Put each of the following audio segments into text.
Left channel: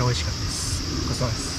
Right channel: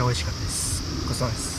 ちゃ美味しかったです。ごちそうさまです。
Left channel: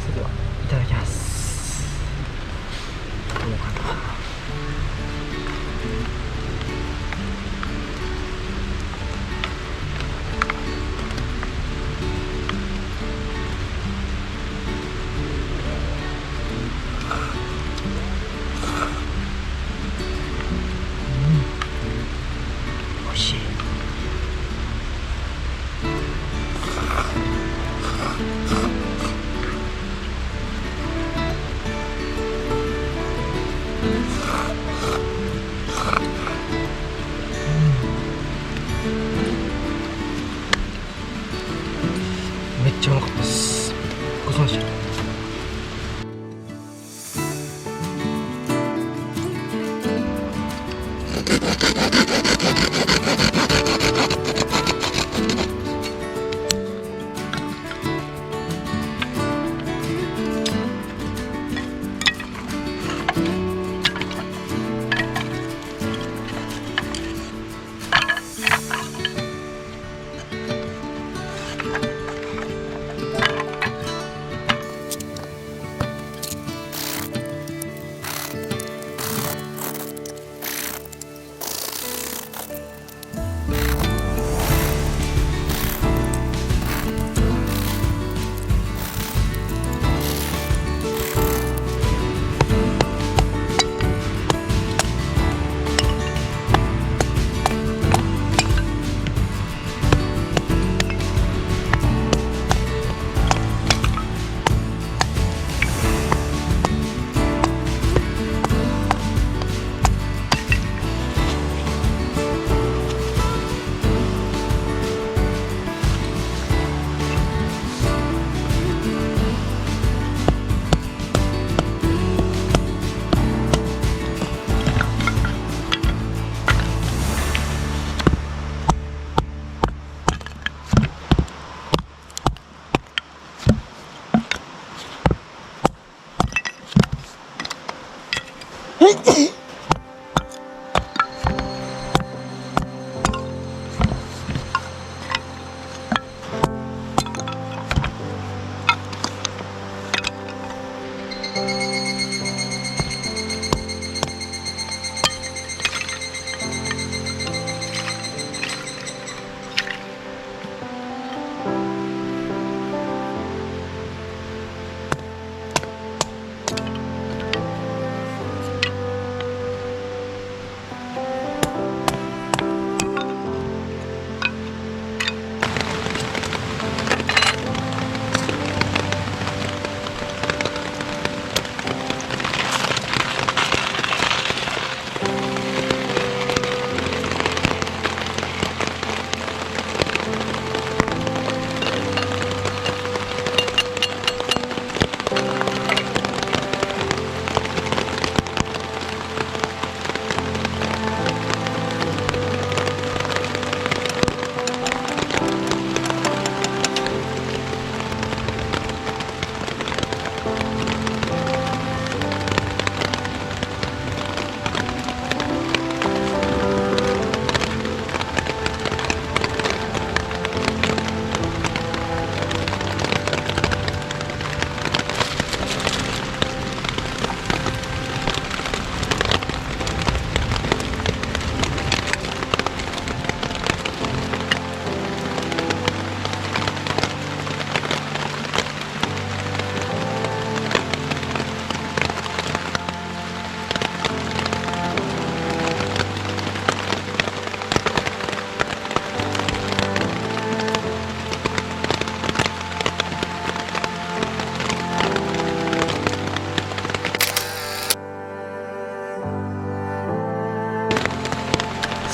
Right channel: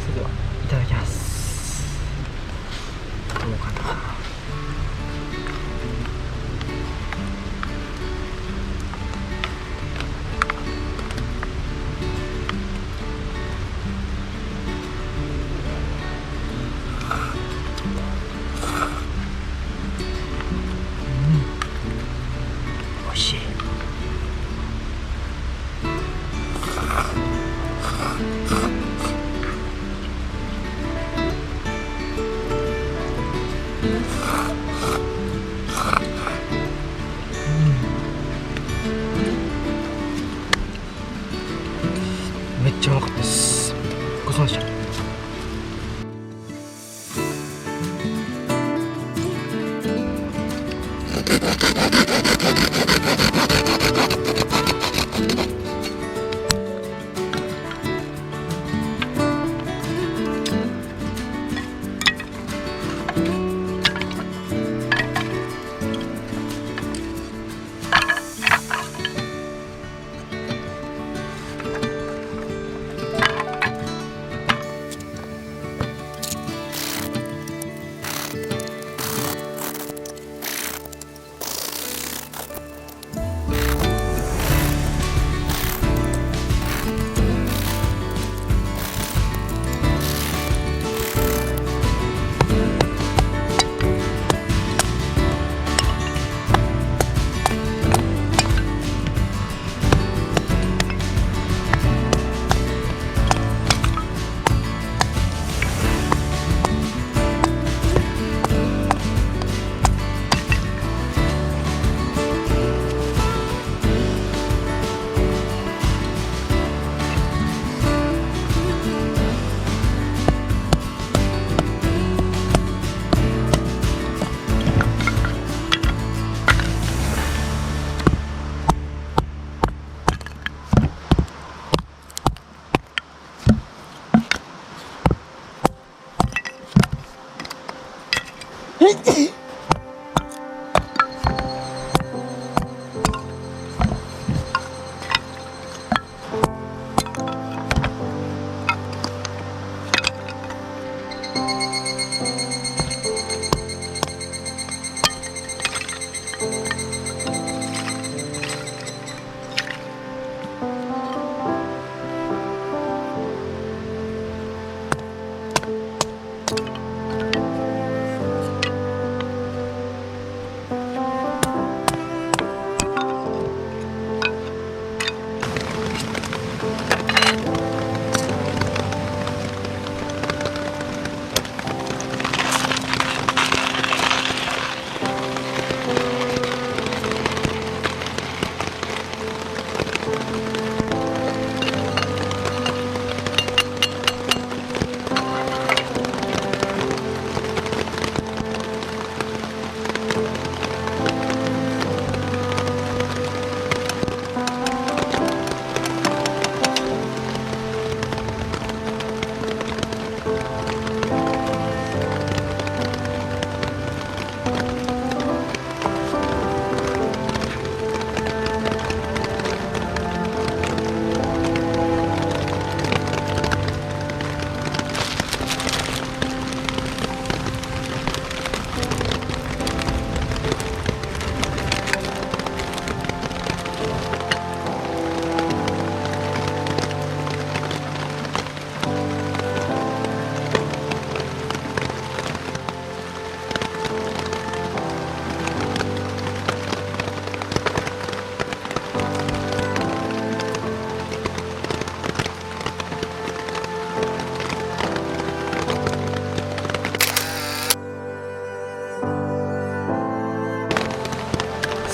それではいただきます。どうかな。美味しい。めっちゃうまかったです。ごちそうさまでした。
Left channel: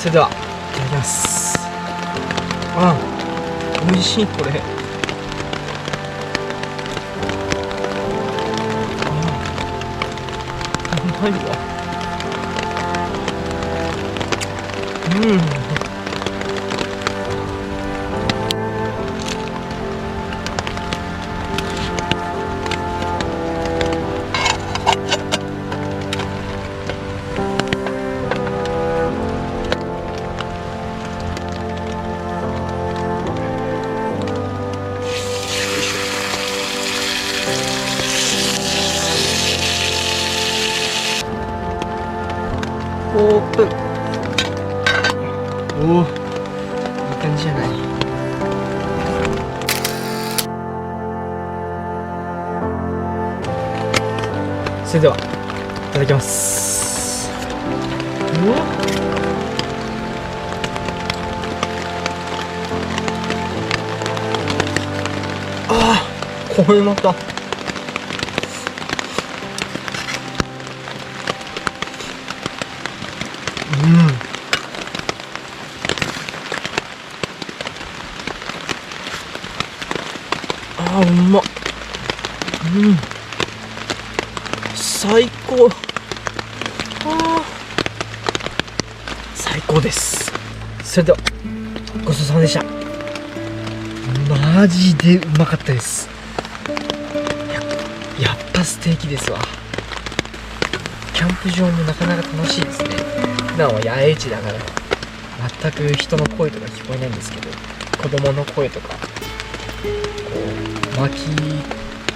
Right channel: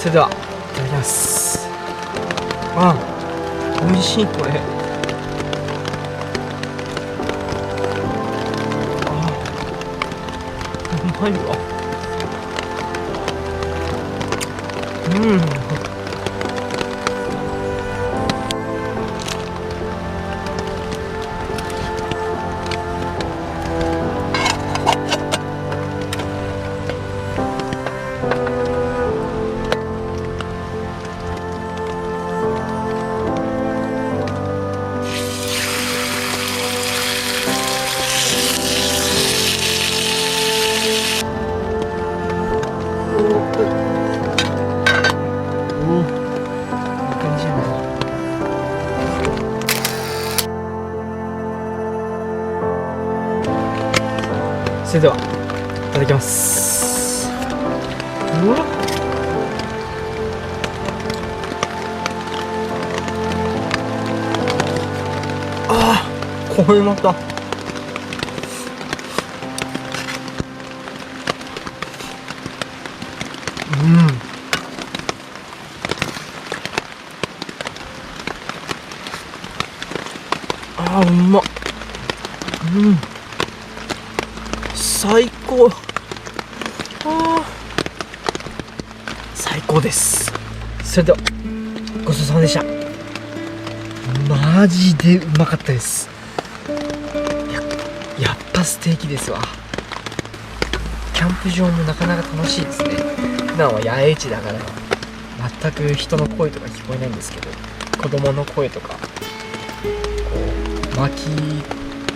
それではいただきます。あ、美味しい。これうまいわ。オープン。おお、いい感じじゃない。それではいただきます。うわ、あー、これまたうまっ。最高。最高です。それではごちそうさまでした。マジでうまかったです。やっぱステーキですわ。キャンプ場もなかなか楽しいですね。普段は野営地だから全く人の声とか聞こえないんですけど、子供の声とかこう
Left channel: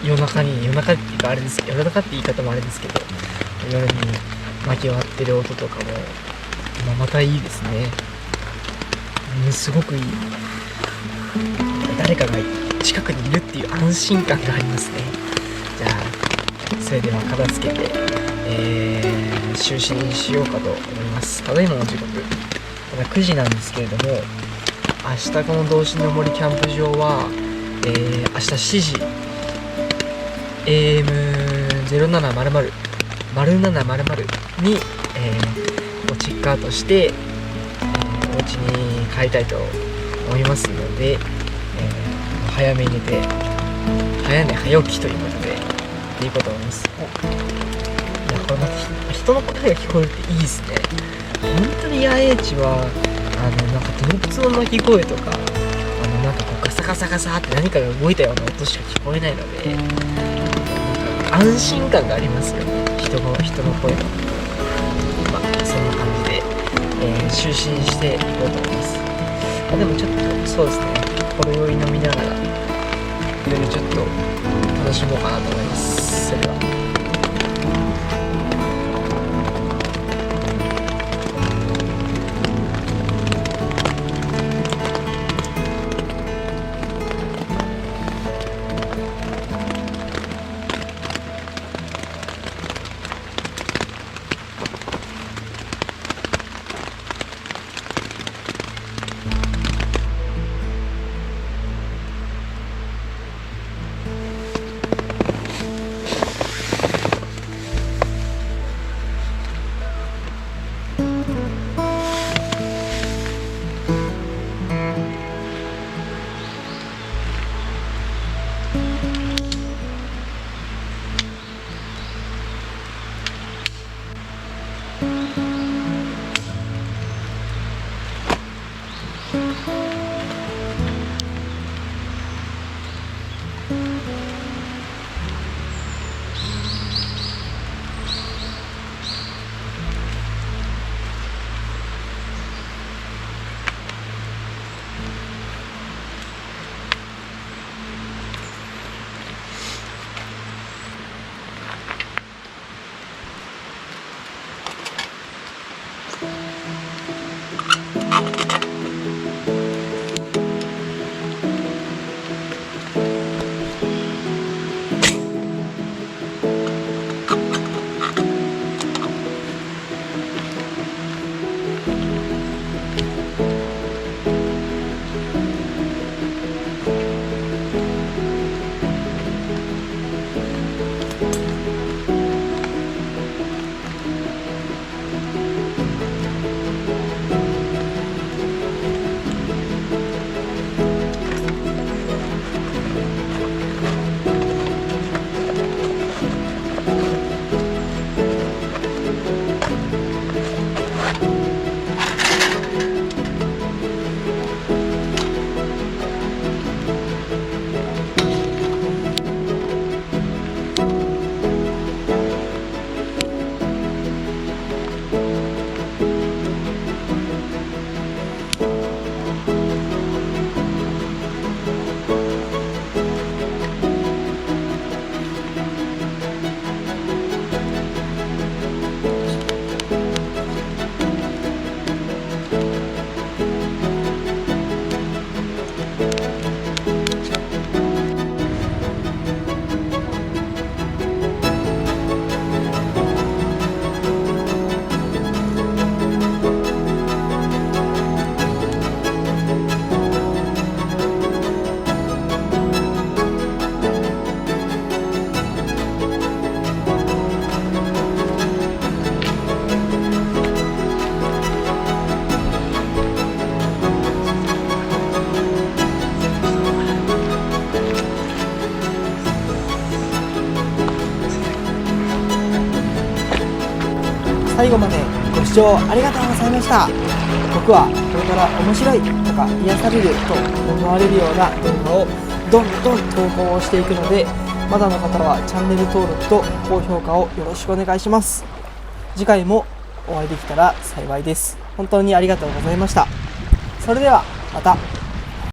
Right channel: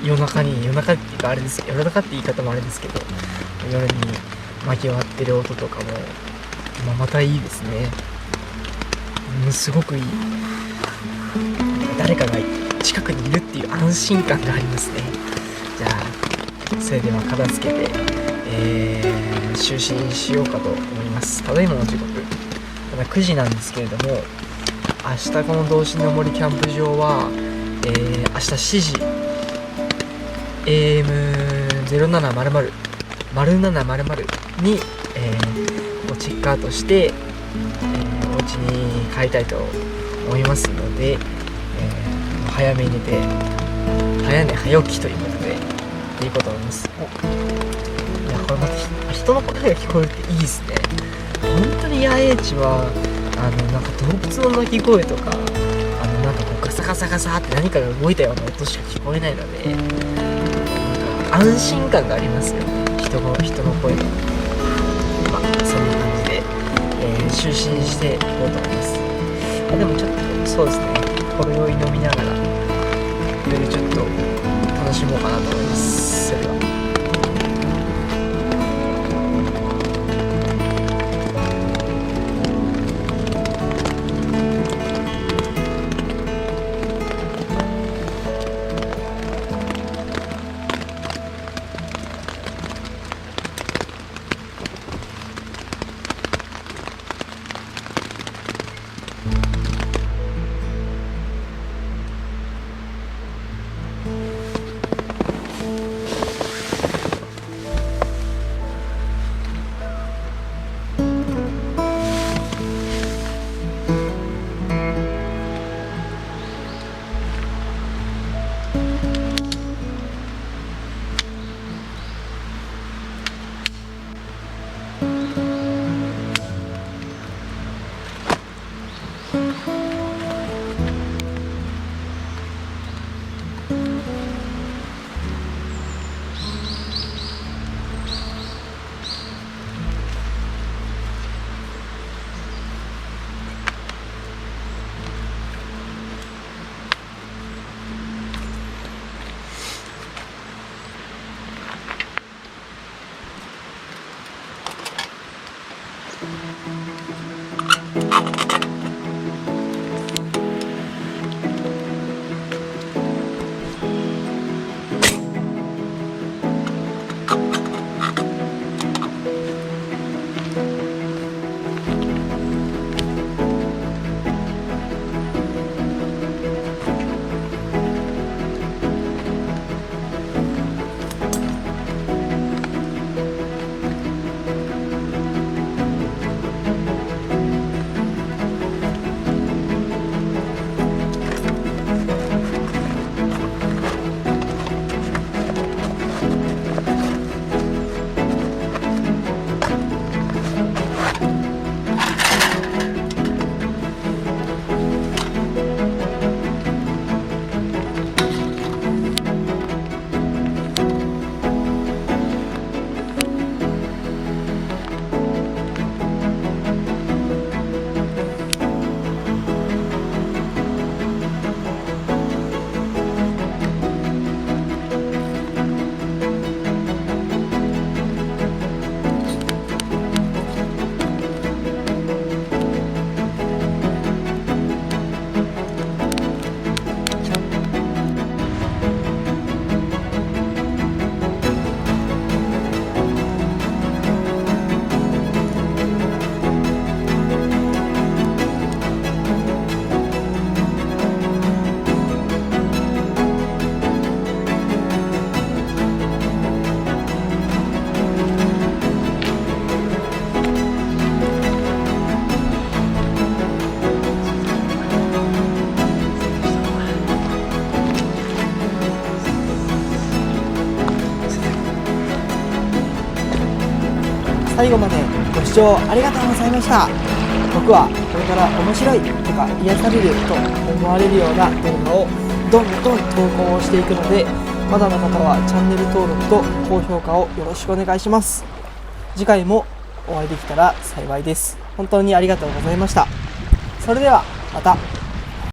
夜中っていうかあれですけど、夜中って言い方もあれですけど、夜に薪を割ってる音とかも、またいいですね。すごくいい。誰かが近くにいるっていう安心感がありますね。じゃあそれでは片付けて、就寝しようかと思います。ただいまの時刻まだ9時なんですけれども、明日この道志の森キャンプ場は、明日7時 AM0700 に、チェックアウトして、お家に帰りたいと思いますので、早めに寝て早寝早起きということでいいこと思います。いや、これまた人の声が聞こえるっていいですね。本当に野営地はなんか動物の鳴き声とかなんかこうガサガサガサって何かが動いたような音しか聞こえないので、なんか安心感がありますよね。人の声が。そんな感じで、就寝していこうと思います。でもちょっとそうですね、ほろ酔い飲みながらいろいろちょっと楽しもうかなと思います。それでは。最後までご視聴ありがとうございました。僕はこれから面白いとか癒されると思われるような動画をどんどん投稿をしていくので、まだの方はチャンネル登録と高評価をよろしくお願いします。次回もお会いできたら幸いです。本当にありがとうございました。それではまた。